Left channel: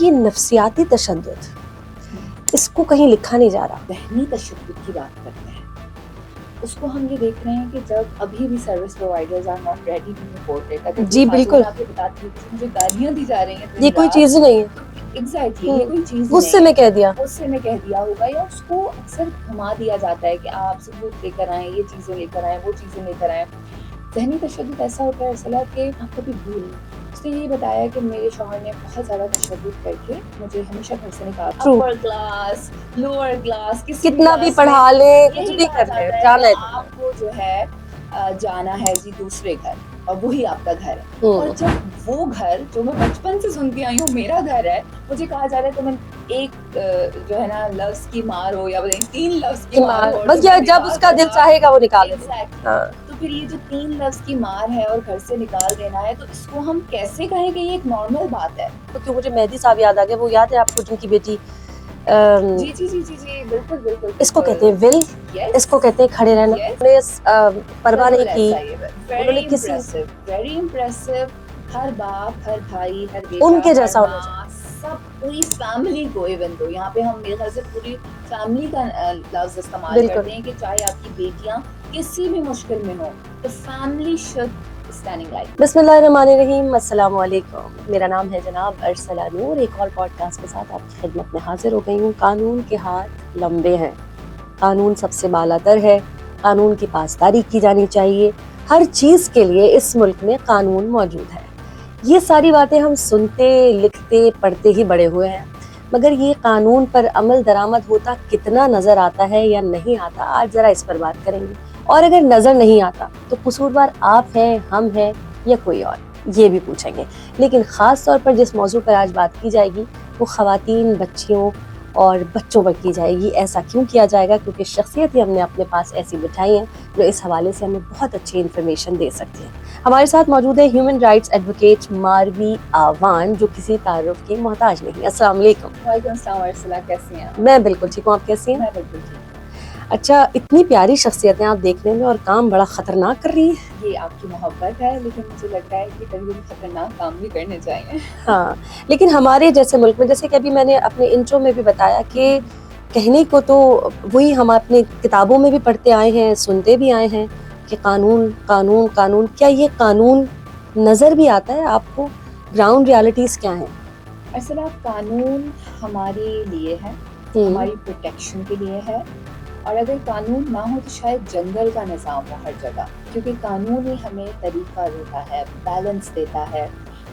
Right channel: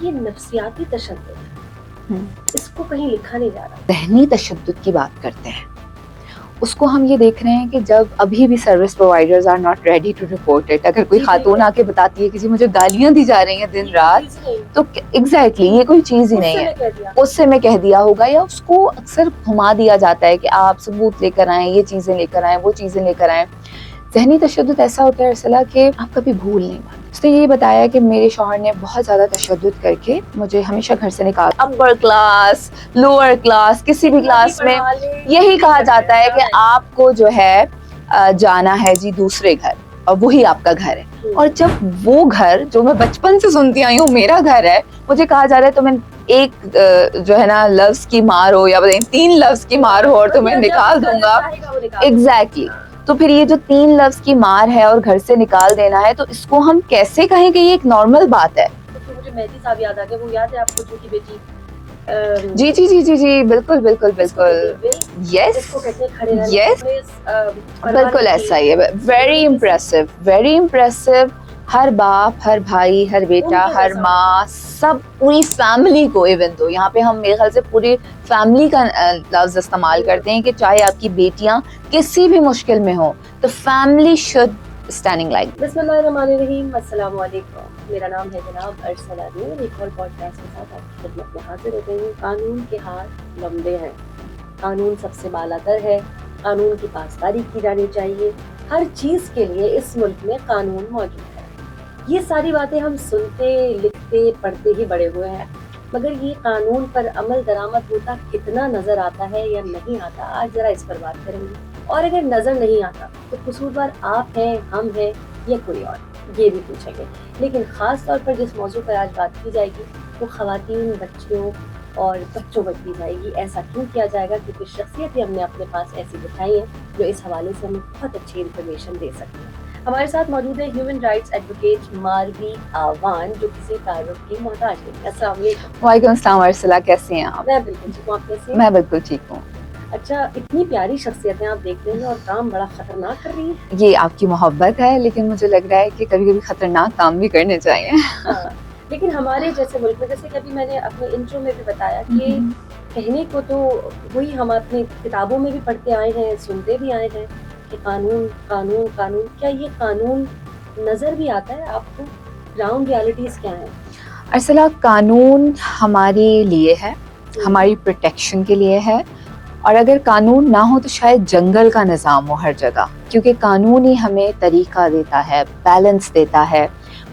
یہ نفسیاتی تشدد اس کو کہیں لکھا نہیں جا رہا. ذہنی تشدد کی بات کرتے ہیں اس کو ہم یہ دیکھ رہے ہیں کہ جب ابھی بھی service providers are not ready to report it. اگر کوئی خاتون آ کے بتاتی ہے کہ جی مجھے گالیاں دی جا رہی ہیں دن رات, یہ کوئی چیز ہی نہیں ہے, تو ایگزیکٹلی یہ کوئی چیز ہی نہیں ہے, غصے میں کہہ دیا, غصے میں کہہ دیا ہوگا, یا اس کو اکثر گھما دیا جاتا ہے کہ آپ ثبوت لے کر آئیں, یہ چیزیں لے کر آئیں, وہ چیزیں لے کر آئیں. ذہنی تشدد ایسا ہوتا ہے ارسلہ کہ آپ کبھی بھول نہیں پاتے. اس نے یہ بتایا کہ میرے شوہر نے بہت زیادہ تشدد کر کے مجھے ہمیشہ گھر سے نکالا. اپر کلاس, لوور کلاس, کسی بھی کلاس میں یہی کہا جاتا ہے کہ آپ کو جو ہے جانا ہے جی دوسرے گھر, اور وہی آپ کا گھر ہے. اور جب وہ گھر جو میں بچپن سے سنتی آئی ہوں میرا گھر ہے, مجھے کہا جا رہا ہے تمہیں ایک جو ہے نا لفظ کی مار ہو یا 3 لفظ کی مار ہو اور تمہیں نکال دوں گا. ایگزیکٹلی. تو پھر یہ جو 3 لفظ کی مار ہے اور گھر سے نکال دینا ہے, تو اس کو ہم کیسے کہیں کہ یہ ایک نارمل بات ہے. کیونکہ مجھے مہدی صاحب یاد آ گئے, وہ یاد ہے آپ کو جن کی بیٹی جی جی جی جی جی بالکل بالکل اس کو کہتے ہیں ول, یس اس کو کہتے ہیں کھڑے رہنا. بالکل ایسا ہی ہے. Very impressive, very impressive. ہر باپ, ہر بھائی, ہر بیٹا, ہر ماں, سب پوری فیملی کو, ایون تو یہاں پہ ہم میرے خیال سے پوری فیملی کا لفظ استعمال کرتے ہیں کہ چاہے آپ کی بیٹیاں کسی بھی مشکل میں ہوں, تو فیملی شوڈ اسٹینڈنگ لائک. بسم اللہ الرحمن الرحیم. السلام علیکم, میرا نام ہے جناب ارسلہ نور. ایک اور پوڈ کاسٹ کے ساتھ آپ کی خدمت میں حاضر ہو گئی ہوں. قانون کے ہاتھ لمبے ہیں, قانون سب سے بالاتر ہے, قانون کی پاسداری کی جانی چاہیے. ہر چیز کے لیے اس ملک میں قانون موجود ہے. یہ ساری باتیں ہم سنتے, لکھتے, پڑھتے ہی بڑے ہوئے ہیں, مگر یہ قانون پر عمل درآمد ہوتا کتنا نظر آتا ہے یا نہیں آتا, آج ذرا اس پر بات کریں گے. اور اگر نظر نہیں آتا تو قصوروار آپ ہیں, ہم ہیں, یا کوئی اور, یہ بھی پوچھیں گے. لیکن خاص طور پر جس موضوع پر آج بات کی جائے گی وہ خواتین, بچیوں اور بچوں پر کی جائے گی. ایسا کیوں کیا جائے گا؟ کیونکہ شخصیت ہی ہم نے اپنے پاس ایسی بٹھائی ہیں جو اس حوالے سے ہمیں بہت اچھی انفارمیشن دے سکتی ہیں. ہمارے ساتھ موجود ہے ہیومن رائٹس ایڈوکیٹ ماروی آوان, جو کسی تعارف کی محتاج نہیں. السلام علیکم. وعلیکم السلام ارسلہ, کیسی ہیں آپ؟ میں بالکل ٹھیک ہوں, آپ کیسی ہیں؟ میں بالکل ٹھیک ہوں. اچھا, اتنی پیاری شخصیتیں آپ دیکھنے میں, اور کام بڑا خطرناک کر رہی ہیں. یہ آپ کی محبت ہے, لیکن مجھے لگ رہا ہے کہ کبھی کبھی خطرناک کام بھی کرنے چاہیے. ہاں, لیکن ہمارے جیسے ملک میں, جیسے کہ ابھی میں نے اپنے انٹرو میں بھی بتایا کہ کہنے کو تو وہی ہم اپنی کتابوں میں بھی پڑھتے آئے ہیں, سنتے بھی آئے ہیں کہ قانون قانون قانون. کیا یہ قانون نظر بھی آتا ہے آپ کو؟ گراؤنڈ ریالٹیز کیا ہیں؟ ارسلہ, قانون ہمارے لیے ہے, ہماری پروٹیکشن کے لیے ہے. اور اگر قانون نہ ہو تو شاید جنگل کا نظام ہو ہر جگہ, کیونکہ قانون ہی ہمیں طریقہ دیتا ہے, بیلنس دیتا ہے.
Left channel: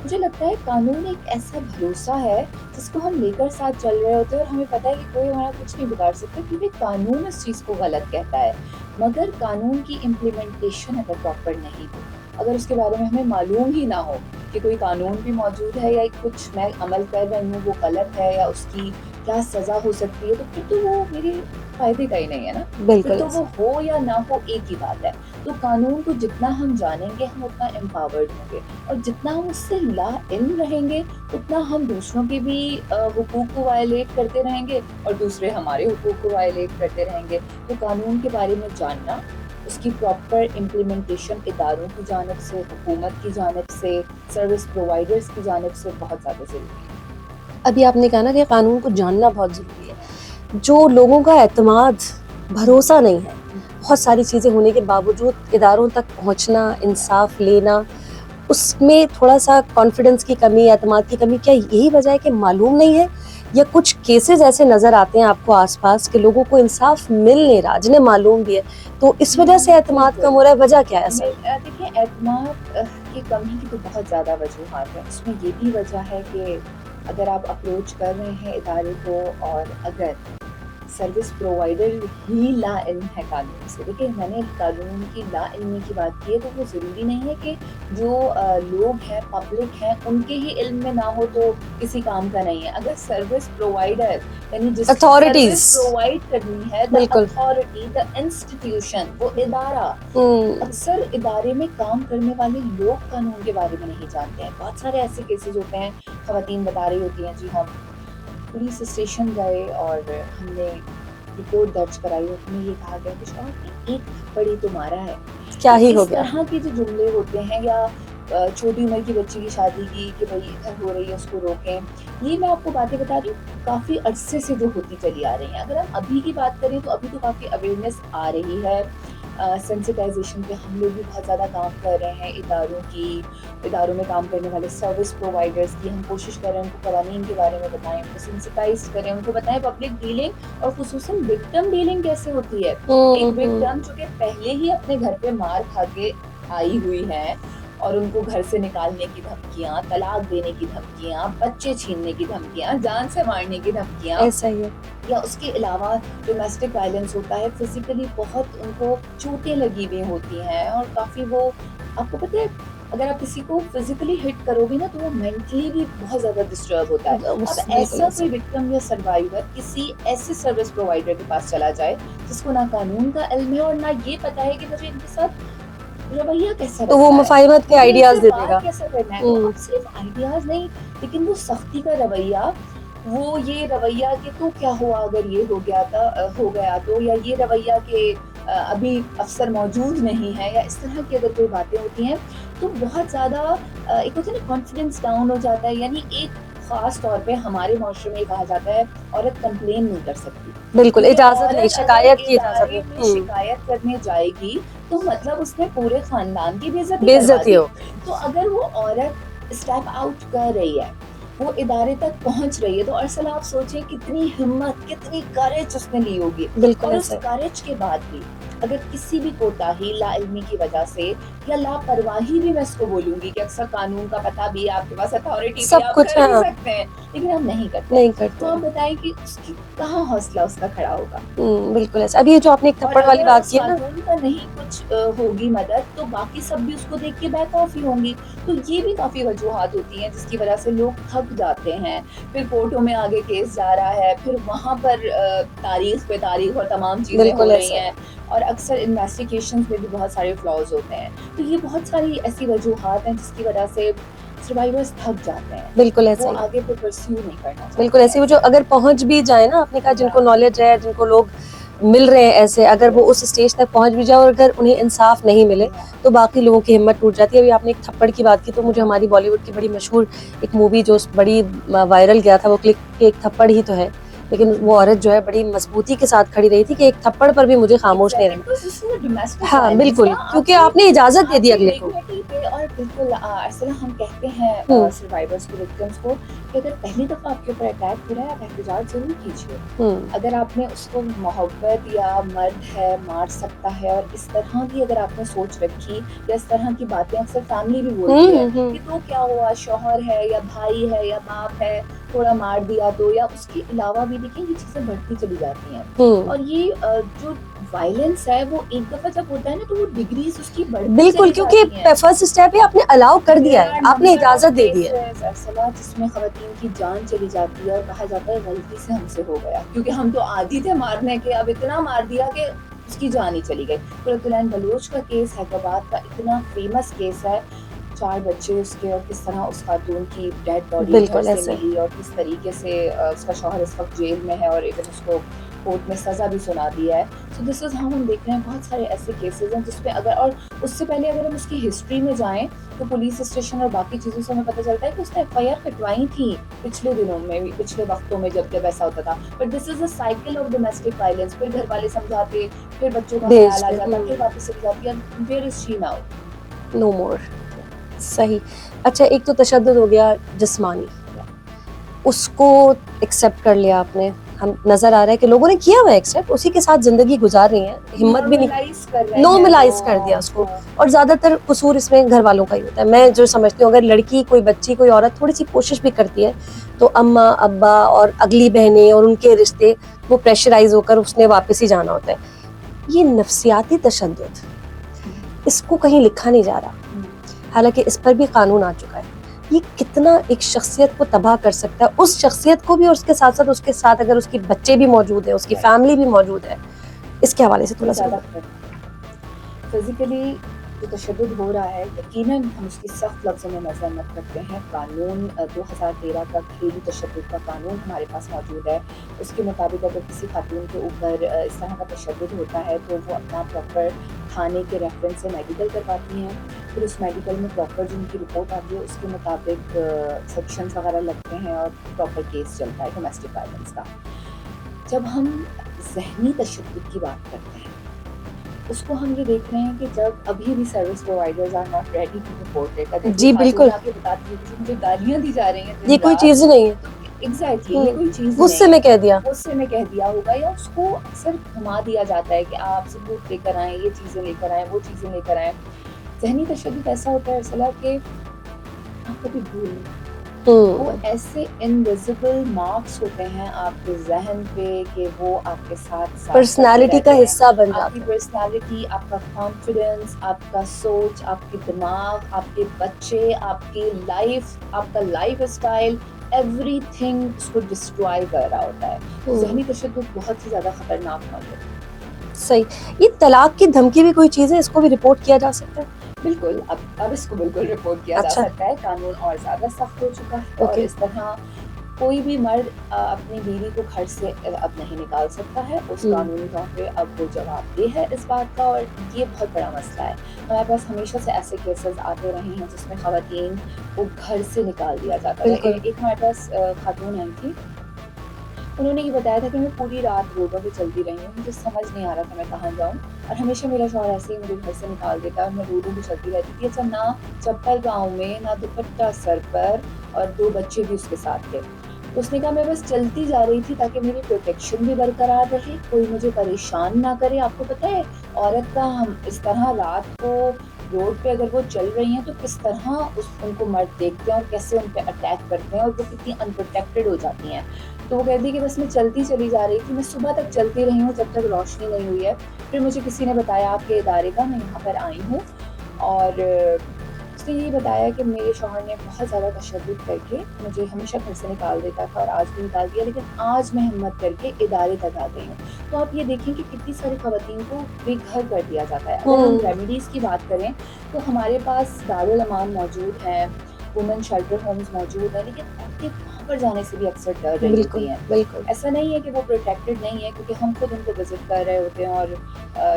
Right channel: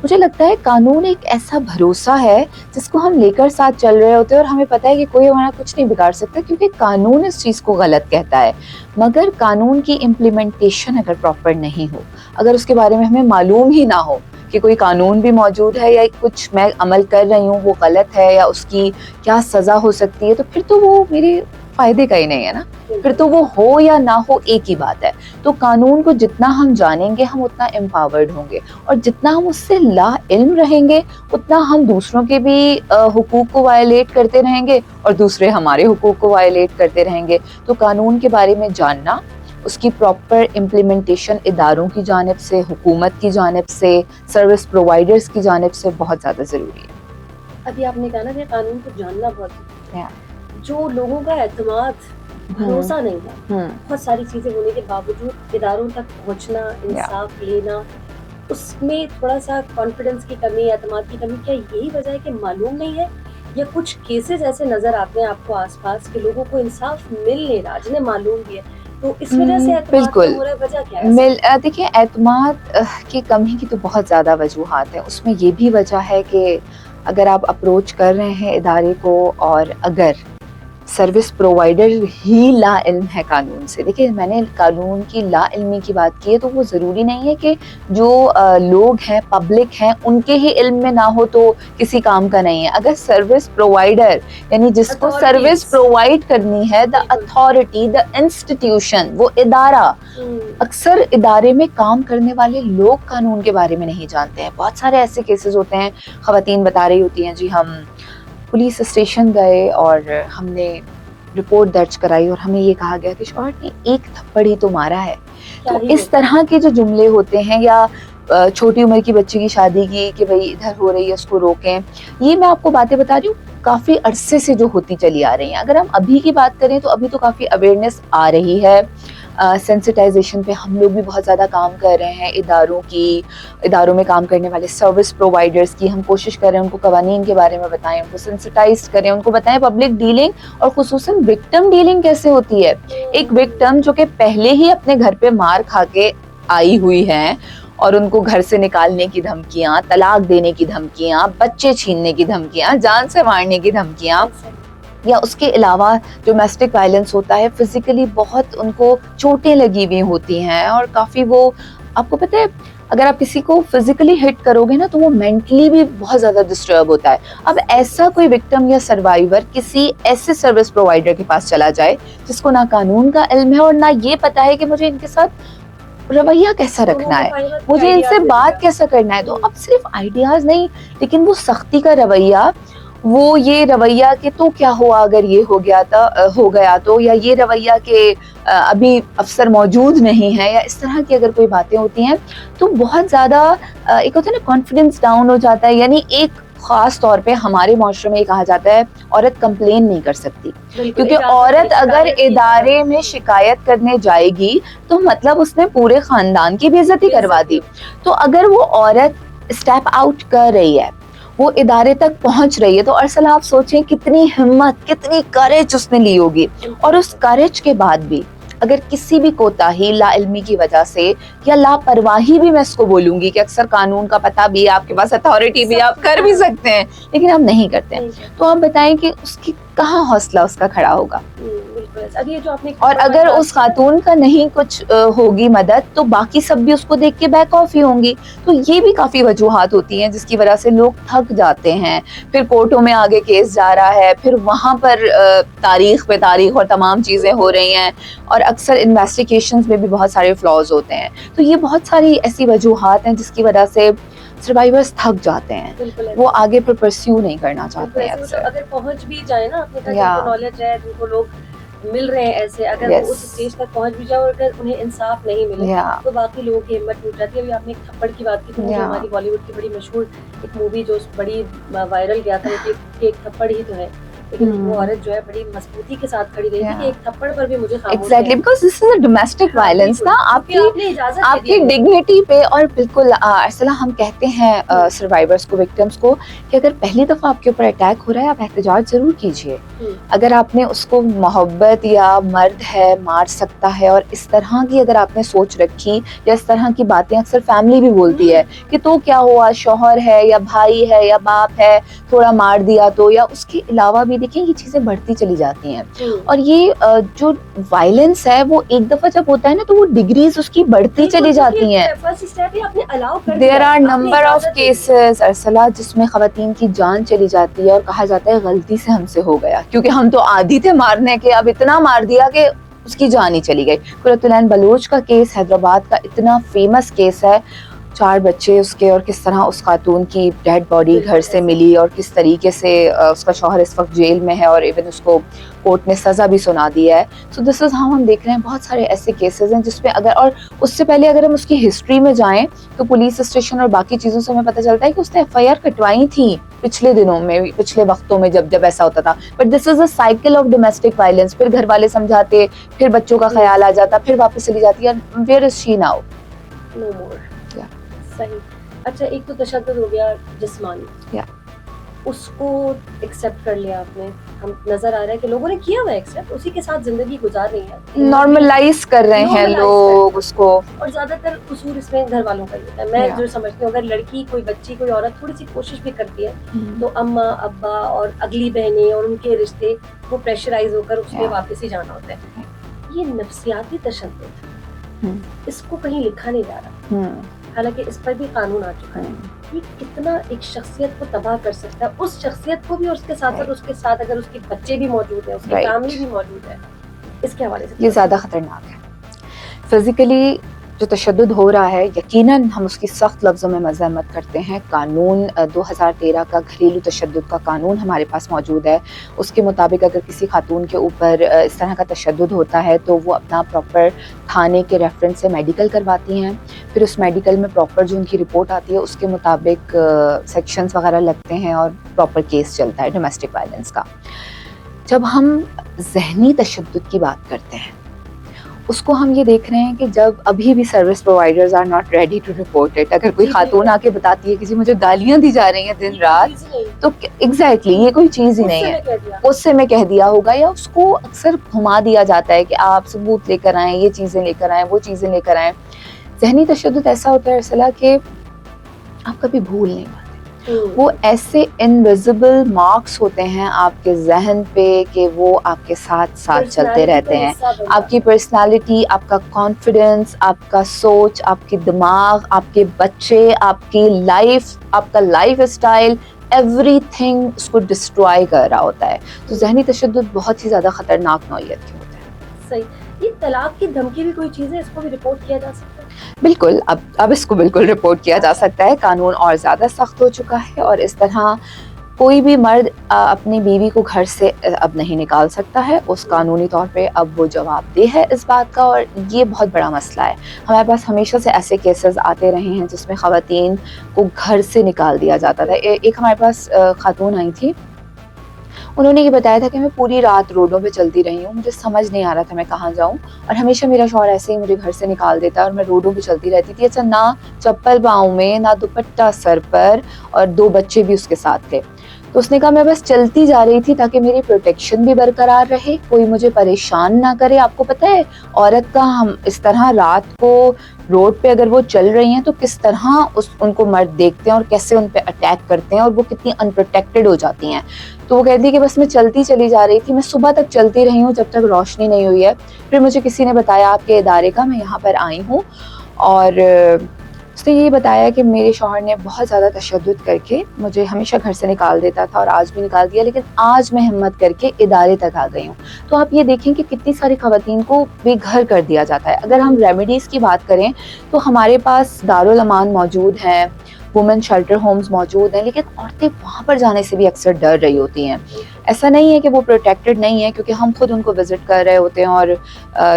مجھے لگتا ہے قانون ایک ایسا بھروسہ ہے جس کو ہم لے کر ساتھ چل رہے ہوتے ہیں, اور ہمیں پتہ ہے کہ کوئی ہمارا کچھ نہیں بگاڑ سکتا, کیونکہ قانون اس چیز کو غلط کہتا ہے. مگر قانون کی امپلیمنٹیشن اگر پراپر نہیں ہو, اگر اس کے بارے میں ہمیں معلوم ہی نہ ہو کہ کوئی قانون بھی موجود ہے, یا کچھ میں عمل کر رہی ہوں وہ غلط ہے, یا اس کی کیا سزا ہو سکتی ہے, تو پھر تو وہ میرے فائدے کا ہی نہیں ہے نا. پھر تو وہ ہو یا نہ ہو ایک ہی بات ہے. تو قانون کو جتنا ہم جانیں گے ہم اتنا امپاورڈ ہوں گے, اور جتنا ہم اس سے لا علم رہیں گے اتنا ہم دوسروں کے بھی حقوق کو وائلیٹ کرتے رہیں گے, اور دوسرے ہمارے حقوق کو وائلیٹ کرتے رہیں گے. تو قانون کے بارے میں جاننا, اس کی پراپر امپلیمنٹیشن اداروں کی جانب سے, حکومت کی جانب سے, سروس پرووائڈرز کی جانب سے بہت زیادہ ضروری ہے. ابھی آپ نے کہا نا کہ قانون کو جاننا بہت ضروری ہے. جو لوگوں کا اعتماد, بھروسہ نہیں ہے, بہت ساری چیزیں ہونے کے باوجود اداروں تک پہنچنا, انصاف لینا, اس میں تھوڑا سا کانفیڈنس کی کمی, اعتماد کی کمی, کیا یہی وجہ ہے کہ معلوم نہیں ہے, یا کچھ کیسز ایسے نظر آتے ہیں آپ کو آس پاس کہ لوگوں کو انصاف مل نہیں رہا جنہیں معلوم بھی ہے, تو اس وجہ سے اعتماد کم ہو رہا ہے؟ وجہ کیا ہے؟ دیکھیے, اعتماد کی کمی کی تو بہت زیادہ وجوہات ہیں. اس میں یہ بھی وجہ ہے کہ اگر آپ اپروچ کر رہے ہیں ادارے کو, اور اگر سروس پرووائڈر ہی لا علم ہے قانون سے. دیکھیں, میں نے قانون کی لا علمی کی بات کی ہے, تو وہ ضروری نہیں ہے کہ جو لوگ ہیں, پبلک ہیں, ان کے ہی علم میں نہ ہو تو کسی کام کا نہیں ہے. اگر سروس پرووائڈر یعنی جس کو سروس پرووائڈ کرنی ہے, دا اتھارٹی, دا انسٹیٹیوشن, وہ ادارہ, اکثر ادارے میں کام کرنے والے لوگ قانون کے بارے میں نہیں جانتے ہیں. بہت سارے ایسے کیسز ہوتے ہیں, خواتین بتا رہی ہوتی ہیں جی ہم پولیس اسٹیشن گئے اور ہم نے رپورٹ درج کرائی, اور ہمیں یہ کہا گیا کہ شوہر نے ایک تھپڑ ہی تو مارا ہے. اس طرح کے جو جملے ہوتے ہیں, یا چھوٹی عمر کی بچی کی شادی کی کہ بھئی ادھر ہو رہی ہے اس کو روکیں. یہ میں آپ کو باتیں بتا رہی ہوں کافی عرصے سے جو ہوتی چلی آ رہی ہیں. اگر ہم ابھی کی بات کریں تو ابھی تو کافی اویئرنیس آ رہی ہے. سینسٹائزیشن پہ ہم لوگ بھی بہت زیادہ کام کر رہے ہیں. اداروں میں کام کرنے والے سروس پرووائڈرز کی ہم کوشش کر رہے ہیں ان کو قوانین کے بارے میں بتائیں, ان کو سینسٹائز کریں, ان کو بتائیں پبلک ڈیلنگ اور خصوصاً وکٹم ڈیلنگ کیسے ہوتی ہے. ایک وکٹم جو کہ پہلے ہی اپنے گھر پہ مار کھا کے آئی ہوئی ہیں اور ان کو گھر سے نکالنے کی دھمکیاں, طلاق دینے کی دھمکیاں, بچے چھیننے کی دھمکیاں, جان سے مارنے کی دھمکیاں, ایسا ہی ہے. یا اس کے علاوہ ڈومیسٹک وائلنس ہوتا ہے, فزیکلی بہت ان کو چوٹیں لگی ہوئی ہوتی ہیں اور کافی وہ آپ کو پتہ ہے اگر آپ کسی کو فزیکلی ہٹ کرو گے نا تو وہ مینٹلی بھی بہت زیادہ ڈسٹرب ہوتا ہے. اب ایسا کوئی وکٹم یا سروائیور کسی ایسے سروس پرووائڈر کے پاس چلا جائے جس کو نہ قانون کا علم ہے اور نہ یہ پتا ہے کہ مجھے ان کے ساتھ رویہ کیسا رکھنا ہے, مجھے ان سے بات کیسا کرنا ہے. تو اب صرف آئیڈیاز نہیں لیکن وہ سختی کا رویہ, وہ یہ رویہ کہ تو کیا ہوا اگر یہ ہو گیا تو, یا یہ رویہ کہ ابھی افسر موجود نہیں ہے, یا اس طرح کی اگر کوئی باتیں ہوتی ہیں تو بہت زیادہ ایک ہوتا ہے نا کانفیڈنس ڈاؤن ہو جاتا ہے. یعنی ایک خاص طور پہ ہمارے معاشرے میں یہ کہا جاتا ہے عورت کمپلین نہیں کر سکتی, کیونکہ عورت اگر ادارے میں شکایت کرنے جائے گی تو مطلب اس نے پورے خاندان کی بے عزتی کروا دی. تو اگر وہ عورت اسٹیپ آؤٹ کر رہی ہے, وہ ادارے تک پہنچ رہی ہے, تو ارسلہ آپ سوچیں کتنی ہمت, کتنی کریج اس نے لی ہوگی. اور اس کریج کے بعد بھی اگر کسی بھی کوتاہی, لا علمی کی وجہ سے یا لاپرواہی بھی میں اس کو بولوں گی کہ اکثر قانون کا پتہ بھی آپ کے پاس, اتھارٹی بھی آپ کر بھی سکتے ہیں لیکن ہم نہیں کرتے, تو آپ بتائیں کہ اس کی کہاں حوصلہ اس کا کھڑا ہوگا. بالکل ایسا. اب یہ جو آپ نے اور اگر اس خاتون کا نہیں کچھ ہوگی مدد تو باقی سب بھی اس کو دیکھ کے بیک آف ہی ہوں گی. تو یہ بھی کافی وجوہات ہوتی ہیں جس کی وجہ سے لوگ تھک جاتے ہیں. پھر کورٹوں میں آگے کیس جا رہا ہے, پھر وہاں پر تاریخ پہ تاریخ اور تمام چیزیں ہو رہی ہیں, اور اکثر انویسٹیگیشنز میں بھی بہت سارے فلاز ہوتے ہیں. تو یہ بہت ساری ایسی وجوہات ہیں جس کی وجہ سے سروائیورز تھک جاتے ہیں. بالکل وہ آگے پر پرسیو نہیں کرنا چاہتے. بالکل ایسے وہ جو اگر پہنچ بھی جائے نا, آپ نے کہا جن کو نالج ہے, جن کو لوگ مل رہے ہیں ایسے, اگر وہ اس اسٹیج تک پہنچ بھی جائے اور اگر انہیں انصاف نہیں ملے تو باقی لوگوں کی ہمت ٹوٹ جاتی ہے. ابھی آپ نے ایک تھپڑ کی بات کی تو مجھے ہماری بالی ووڈ کی بڑی مشہور ایک مووی جو بڑی وائرل گیا تھا, وہ کلپ کہ ایک تھپڑ ہی تو ہے, لیکن وہ عورت جو ہے بڑی مضبوطی کے ساتھ کھڑی رہی تھی کہ ایک تھپڑ پر بھی مجھے خاموش رہنا, because this is a domestic violence نا, کیونکہ آپ نے اجازت دے دی آپ کی ڈگنیٹی پہ. اور بالکل ارسلہ ہم کہتے ہیں سروائیورز کو, وکٹمز کو, کہ اگر پہلی دفعہ آپ کے اوپر اٹیک ہو رہا ہے آپ احتجاج ضرور کیجیے. اگر آپ نے اس کو محبت یا مرد ہے مار سکتا ہے اور اس طرح کی اگر آپ نے سوچ رکھی, یا اس طرح کی باتیں اکثر فیملی بھی بولتی ہے کہ تو کیا ہوا, شوہر ہے یا بھائی ہے یا باپ ہے, تھوڑا مار دیا تو, یا اس کے علاوہ بھی دیکھیں یہ چیزیں بڑھتی چلی جاتی ہیں. اور یہ جو وائلنس ہے وہ ایک دفعہ جب ہوتا ہے نا تو وہ ڈگریز اس کی بڑھتی چلی جاتی ہیں. فرسٹ اسٹیپ آپ نے الاؤ کر دیا, there are number of cases Ursula جس میں خواتین کی جان چلی جاتی ہے اور کہا جاتا ہے غلطی سے ہم سے ہو گیا, کیونکہ ہم تو عادی تھے مارنے کے, اب اتنا مار دیا کہ اس کی جان ہی چلی گئی. قرۃ العین بلوچ کا کیس حیدرآباد کا اتنا فیمس کیس ہے, 4 بچے اس کے, اور کس طرح اس خاتون کی ڈیڈ باڈی گھر سے ملی, اور کس طریقے سے اس کا شوہر اس وقت جیل میں ہے, اور ایون اس کو کورٹ نے سزا بھی سنا دی ہے. سو دس از ہاؤ ہم دیکھ رہے ہیں بہت سارے ایسے کیسز ہیں جس پہ اگر, اور اس سے پہلے اگر ہم اس کی ہسٹری میں جائیں تو پولیس اسٹیشن اور باقی چیزوں سے ہمیں پتہ چلتا ہے کہ اس نے ایف آئی آر کٹوائی تھی پچھلے دنوں میں, پچھلے وقتوں میں جب ایسا ہوتا تھا. But this is a cycle of domestic violence. پھر گھر والے سمجھاتے, پھر بچوں کا خیال آ جاتا, پھر واپس چلی جاتی ہے. Where is she now? No more. صحیح. اچھا, ایک تو تشدد ہو گیا جسمانی, اس کو ایکسیپٹ کر لیا آپ نے, ہم نظر آ رہا ہے کہ لوگوں نے کیا ہوا ایکسیپٹ, اسی کے ساتھ زندگی گزار رہی ہیں, نارملائز کر رہے ہیں, نارملائز کر دیا اس کو. اور زیادہ تر قصور اس میں گھر والوں کا ہی ہوتا ہے. میں جو سمجھتی ہوں اگر لڑکی, کوئی بچی, کوئی عورت تھوڑی سی کوشش بھی کرتی ہے تو اماں ابا اور اگلی بہنیں اور ان کے رشتے وہ پریشرائز ہو کر اس نے واپس ہی جانا ہوتا ہے. یہ نفسیاتی تشدد, اس کو کہیں لکھا نہیں جا رہا, حالانکہ اس پر بھی قانون آ چکا ہے. یہ کتنا ایک شخصیت کو تباہ کر سکتا ہے, اس شخصیت کو بھی, اور اس کے ساتھ اگر اس کے بچے بھی موجود ہیں, اس کی فیملی بھی موجود ہے. اس کے حوالے سے یہ زیادہ خطرناک ہے. فزیکلی جو تشدد ہو رہا ہے یقیناً ہم اس کی سخت لفظوں میں مذمت کرتے ہیں. قانون 2013 کا گھریلو تشدد کا قانون ہمارے پاس موجود ہے. اس کے مطابق اگر کسی خاتون کے اوپر اس طرح کا تشدد ہوتا ہے تو وہ اپنا پراپر تھانے کے ریفرنس سے میڈیکل کرواتی ہیں. پھر اس میڈیکل میں پراپر جو ان کی رپورٹ آتی ہے اس کے مطابق سیکشنز وغیرہ لگتے ہیں اور پراپر کیس چلتا ہے ڈومیسٹک وائلنس کا. جب ہم ذہنی تشدد کی بات کرتے ہیں اس کو ہم یہ دیکھ رہے ہیں کہ جب ابھی بھی service providers are not ready to report it. اگر کوئی خاتون آ کے بتاتی ہے کہ جی مجھے گالیاں دی جا رہی ہیں دن یہ کوئی رات، چیز ہی نہیں ہے تو ایگزیکٹلی یہ کوئی چیز ہی اس نہیں سے ہے. میں کہہ دیا اس سے میں کہہ دیا ہوگا، یا اس کو اکثر گھما دیا جاتا ہے کہ آپ ثبوت لے کر آئیں، یہ چیزیں لے کر آئیں، وہ چیزیں لے کر آئیں. ذہنی تشدد ایسا ہوتا ہے ارسلہ کہ آپ کبھی بھول نہیں پاتے. وہ ایسے انویزیبل مارکس ہوتے ہیں آپ کے ذہن پہ کہ وہ آپ کے ساتھ ساتھ چلتے پرسنالٹی رہتے کا ہیں. حصہ بن آپ کی پرسنالٹی، آپ کا کانفیڈنس، آپ کا سوچ، آپ کی دماغ، آپ کے بچے، آپ کی لائف، آپ کا لائف اسٹائل، ایوری تھنگ اس کو ڈسٹرائے کر رہا ہوتا ہے. تو ذہنی تشدد بہت ہی زیادہ خطرناک نوعیت کی ہوتا ہے. صحیح. یہ طلاق کی دھمکی بھی کوئی چیز ہے، اس کو بھی رپورٹ کیا جا سکتا ہے؟ بالکل، اب اس کو بالکل رپورٹ کیا جا اچھا. سکتا ہے. قانون اور زیادہ سخت ہو چکا ہے اور اس طرح کوئی بھی مرد اپنی بیوی کو گھر سے اب نہیں نکال سکتا ہے. اس قانونی طور پہ اب وہ جواب دہ ہے اس بات کا، اور یہ بہت بڑا مسئلہ ہے. ہمارے پاس ہمیشہ سے ایسے کیسز آتے رہے ہیں جس میں خواتین کو گھر سے نکال دیا جاتا تھا. ایک ہمارے پاس خاتون آئی تھی، انہوں نے یہ بتایا تھا کہ میں پوری رات روڈوں پہ چلتی رہی ہوں، مجھے سمجھ نہیں آ رہا تھا میں کہاں جاؤں، اور ہمیشہ میرا شوہر ایسے ہی مجھے گھر سے نکال دیتا اور میں روڈوں پہ چلتی رہتی تھی. اچھا، نہ چپل پاؤں میں، نہ دوپٹہ سر پر، اور 2 بچے بھی اس کے ساتھ تھے. تو اس نے کہا میں بس چلتی جا رہی تھی تاکہ میری پروٹیکشن بھی برقرار رہے، کوئی مجھے پریشان نہ کرے. آپ کو پتہ ہے عورت کا ہم اس طرح رات کو روڈ پہ اگر وہ چل رہی ہیں تو کس طرح ان کو مرد دیکھتے ہیں اور کیسے ان پہ اٹیک کرتے ہیں، اور وہ کتنی انپروٹیکٹڈ ہو جاتی ہیں. تو وہ کہتی ہے کہ بس میں چلتی چلی جا رہی تھی، میں صبح تک چلتی رہی ہوں جب تک روشنی نہیں ہوئی ہے. پھر مجھے کسی نے بتایا آپ کے ادارے کا، میں یہاں پر آئی ہوں، اور اس نے یہ بتایا کہ میرے شوہر نے بہت زیادہ تشدد کر کے مجھے ہمیشہ گھر سے نکال دیتا تھا، اور آج بھی نکال دیا، لیکن آج میں ہمت کر کے ادارے تک آ گئی ہوں. تو آپ یہ دیکھیں کہ کتنی ساری خواتین کو بے گھر کر دیا جاتا ہے. اگر ہم ریمیڈیز کی بات کریں تو ہمارے پاس دارالامان موجود ہیں، وومن شیلٹر ہومز موجود ہیں، لیکن عورتیں وہاں پر جانے سے بھی اکثر ڈر رہی ہوتی ہیں. ایسا نہیں ہے کہ وہ پروٹیکٹڈ نہیں ہے، کیونکہ ہم خود ان کو وزٹ کر رہے ہوتے ہیں، اور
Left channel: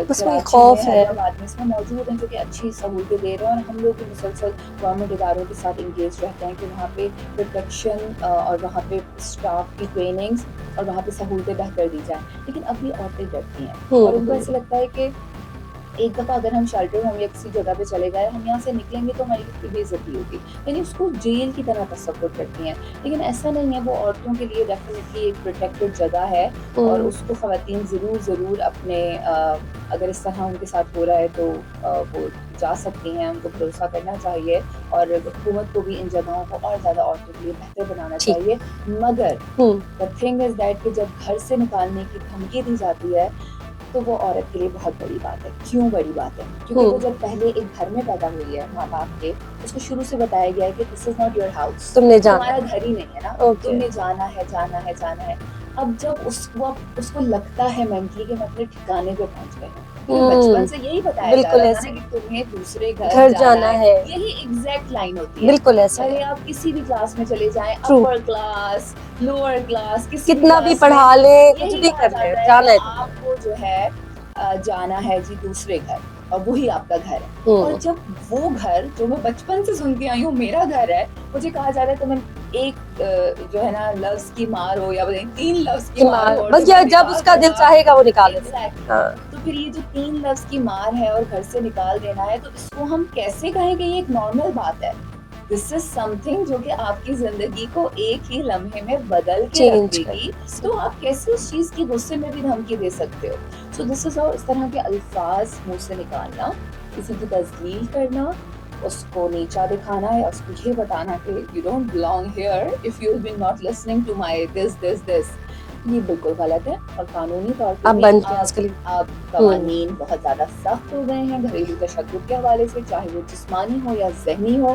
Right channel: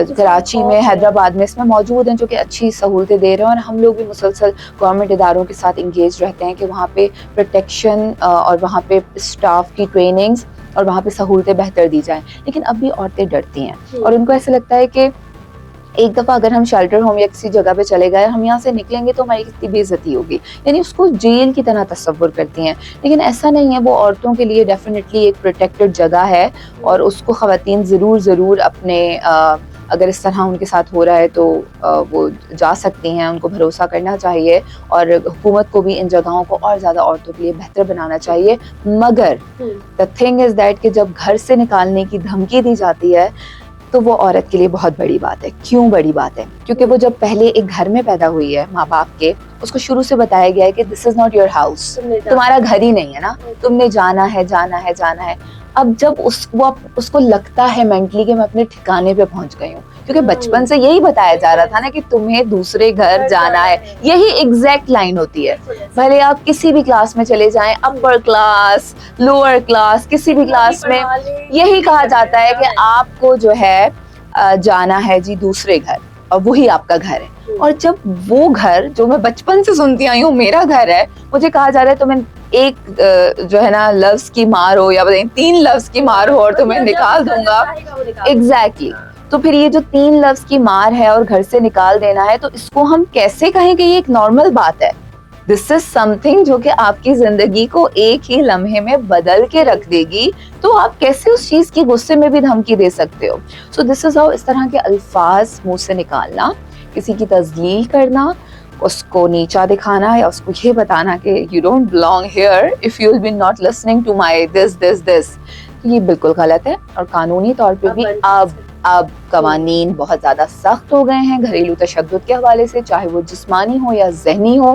کراچی میں، حیدرآباد میں اس میں موجود ہیں جو کہ اچھی سہولتیں دے رہے ہیں، اور ہم لوگ بھی مسلسل گورنمنٹ اداروں کے ساتھ انگیج رہتے ہیں کہ وہاں پہ پروٹیکشن اور وہاں پہ اسٹاف کی ٹریننگز اور وہاں پہ سہولتیں بہتر دی جائیں. لیکن اب بھی عورتیں ڈرتی ہیں، اور ان کو ایسا لگتا ہے کہ ایک دفعہ اگر ہم شیلٹر ہوم یا کسی جگہ پہ چلے گئے، ہم یہاں سے نکلیں گے تو ہماری کتنی بے عزتی ہوگی، یعنی اس کو جیل کی طرح تصور کرتی ہیں. لیکن ایسا نہیں ہے، وہ عورتوں کے لیے ڈیفینیٹلی ایک پروٹیکٹڈ جگہ ہے، اور اس کو خواتین ضرور اپنے اگر اس طرح ان کے ساتھ ہو رہا ہے تو وہ جا سکتی ہیں. ان کو بھروسہ کرنا چاہیے، اور حکومت کو بھی ان جگہوں کو اور زیادہ عورتوں کے لیے بہتر بنانا چاہیے. مگر the thing is that کہ جب گھر سے نکالنے کی دھمکی دی جاتی ہے تو وہ عورت کے لیے بہت بڑی بات ہے. کیوں بڑی بات ہے؟ کیونکہ وہ جب پہلے ایک گھر میں پیدا ہوئی ہے ماں باپ کے، اس کو شروع سے بتایا گیا ہے کہ دس از ناٹ یور ہاؤس، تمہارا گھر ہی نہیں ہے نا، تم نے جانا ہے جانا ہے جانا ہے. اب جب اس کو لگتا ہے مینٹلی کہ میں اپنے ٹھکانے پہ پہنچ گئی ہوں، کیونکہ بچپن سے یہی بتایا جا رہا تھا نا کہ تمہیں دوسرے گھر جانا ہے، یہی ایگزیکٹ لائن ہوتی ہے. بھلے آپ کسی بھی کلاس میں چلے جائیں، اپر کلاس، لوور کلاس، کسی بھی کلاس میں یہی کہا جاتا ہے کہ آپ کو جو ہے جانا ہے جی دوسرے گھر، اور وہی آپ کا گھر ہے. اور جب وہ گھر جو میں بچپن سے سنتی آئی ہوں میرا گھر ہے، مجھے کہا جا رہا ہے تمہیں ایک جو ہے نا لفظ کی مار ہو، یا بتائیں 3 لفظ کی مار ہو، اور تمہیں نکال دوں گا. ایگزیکٹلی. تو پھر یہ جو 3 لفظ کی مار ہے اور گھر سے نکال دینا ہے، تو اس کو ہم کیسے کہیں کہ یہ ایک نارمل بات ہے؟ دس از سم تھنگ جو کہ آپ کی زندگی کو ایک ہی لمحے میں بدل کے رکھ دے گی. تو آپ کیسے اس چیز کی غصے میں بھی دھمکی دے سکتے ہو؟ سو دس از ہاؤ. اس طرح کے الفاظ منہ سے نکالنا، کسی کی تذلیل کرنا، اس کو نیچا دکھانا، یا اس کو یہ بتانا کہ you don't belong here if you will be not listening to my this, یہ بالکل غلط ہے. اور قانونی طور پہ بھی اب قوانین بہت زیادہ سخت ہو گئے ہیں گھریلو تشدد کے حوالے سے، چاہے وہ جسمانی ہو یا ذہنی ہو.